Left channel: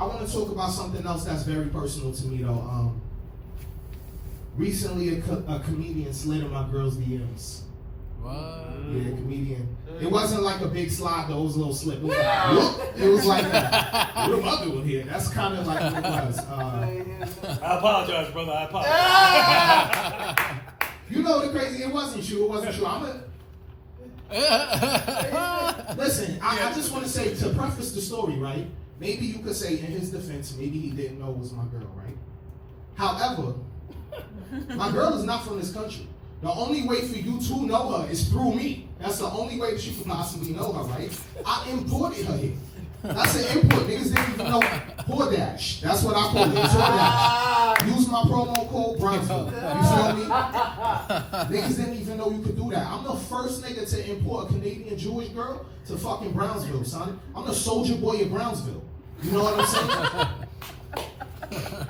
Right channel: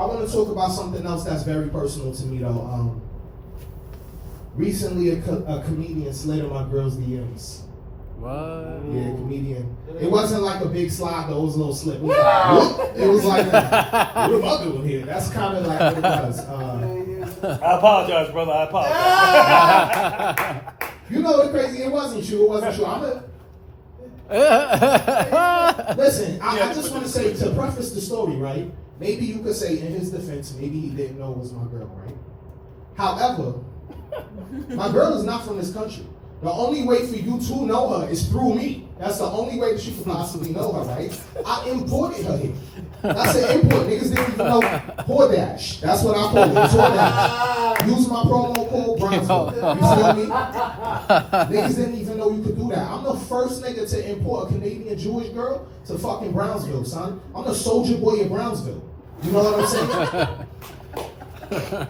I want to talk about something else that's very personal to me, though. Recently, a comedian slid in my girl's DMs. What? Yeah, comedian. It wasn't like a big slide, though. It was a little slip. It was like, whoop. It was like, what am I doing here? That's kind of like what it was. I apologize, brother. I apologize. You know the crazy, it wasn't you. Listen, I just want to say, to preface the story, right? Maybe you could say in his defense, maybe he didn't know it was my girl, right? However, my girl is not from this country. The only way for you to know her is through me. That's the only way that you could possibly know her, right? I imported her here. That's an import. Niggas didn't even know DoorDash. That's what I call it. DoorDash. Use my promo code Brownsville. You feel me? Niggas didn't even know you could do that. I'm the first nigga to import a Canadian Jewish girl to fucking Brownsville, son. I'm the soldier boy of Brownsville. You know what I'm saying?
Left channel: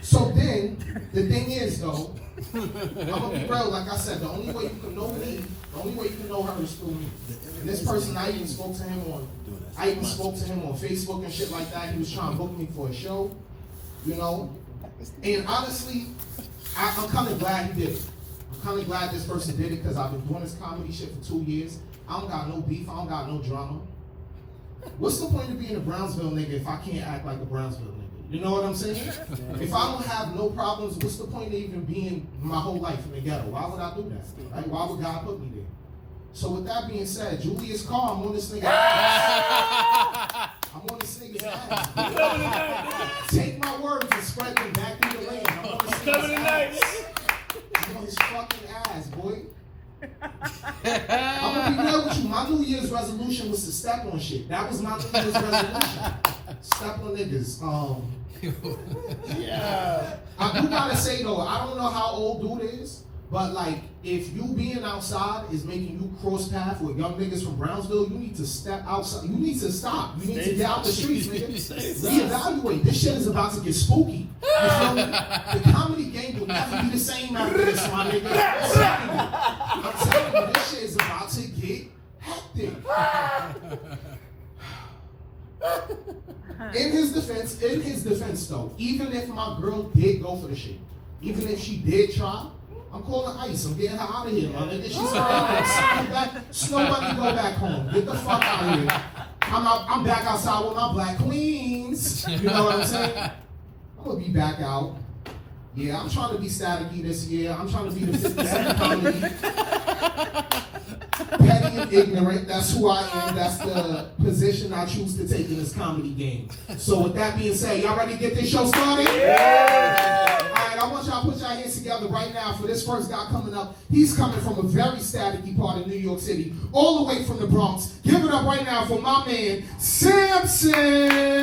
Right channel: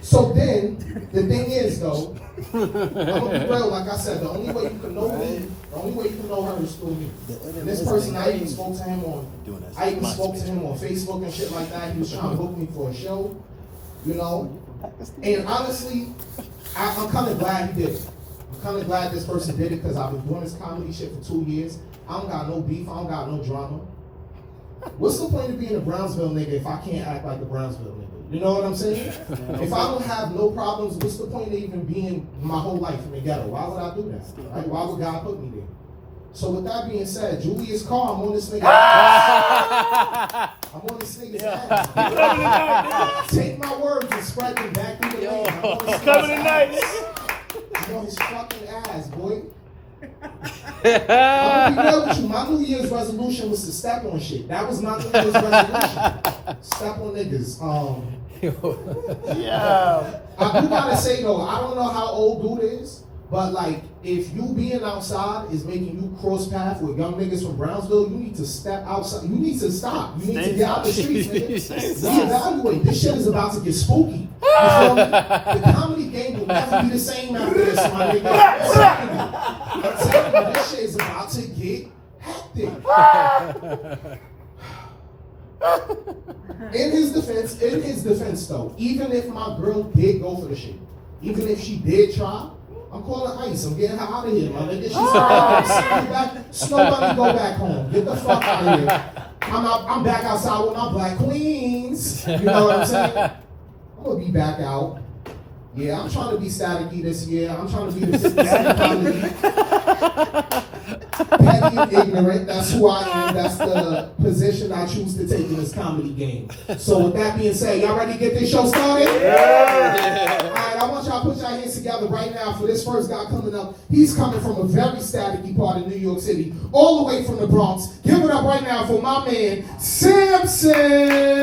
So then, the thing is, though, I'm gonna be real, like I said, the only way you can know me, the only way you can know her is through me. And this person, I even spoke to him on Facebook and shit like that. He was trying to book me for a show, you know. And honestly, I'm kind of glad he did it. I'm kind of glad this person did it because I've been doing this comedy shit for 2 years. I don't got no beef. I don't got no drama. What's the point of being a Brownsville nigga if I can't act like a Brownsville nigga? You know what I'm saying? If I don't have no problems, what's the point of even being my whole life in the ghetto? Why would I do that? Right? Why would God put me there? So with that being said, Julius Carr, I'm on this nigga's ass. I'm on this nigga's ass. Take my words and spread them back through the land. I'm on this nigga's ass. You know his fucking ass, boy. I'm gonna be real with you. My New Year's resolution was to step on shit. That was my New Year's resolution. Step on niggas. Yeah. I do gotta say though, I don't know how old dude is, but like, if you being outside is making you cross path with young niggas from Brownsville, you need to step outside. You need to stop. You need to get out the streets, nigga. Reevaluate. This shit is about to get spooky. You feel me? The comedy game will never be the same after this, my nigga. I'm telling you, this shit is about to get hectic. In his defense though, even if my girl did go for the shit, even if she did try, I'm calling ICE. I'm getting her out of here, my nigga. She's back. Snow Bunny, go back home. Get the fuck out of here. I'm back outside with my black queens. You know what I'm saying? I'm gonna be back out. Yeah, I'm trying to be staticky this year. I'm trying to be the 50 Cent comedy. Petty and ignorant. That's who I am. That's the position I choose to take in this comedy game. So with that being said, y'all ready to get this show started? Yeah. All right, I want y'all to put your hands together right now for this first guy coming up. He's coming from a very staticky part of New York City, all the way from the Bronx. Give it up right now for my man, Samson.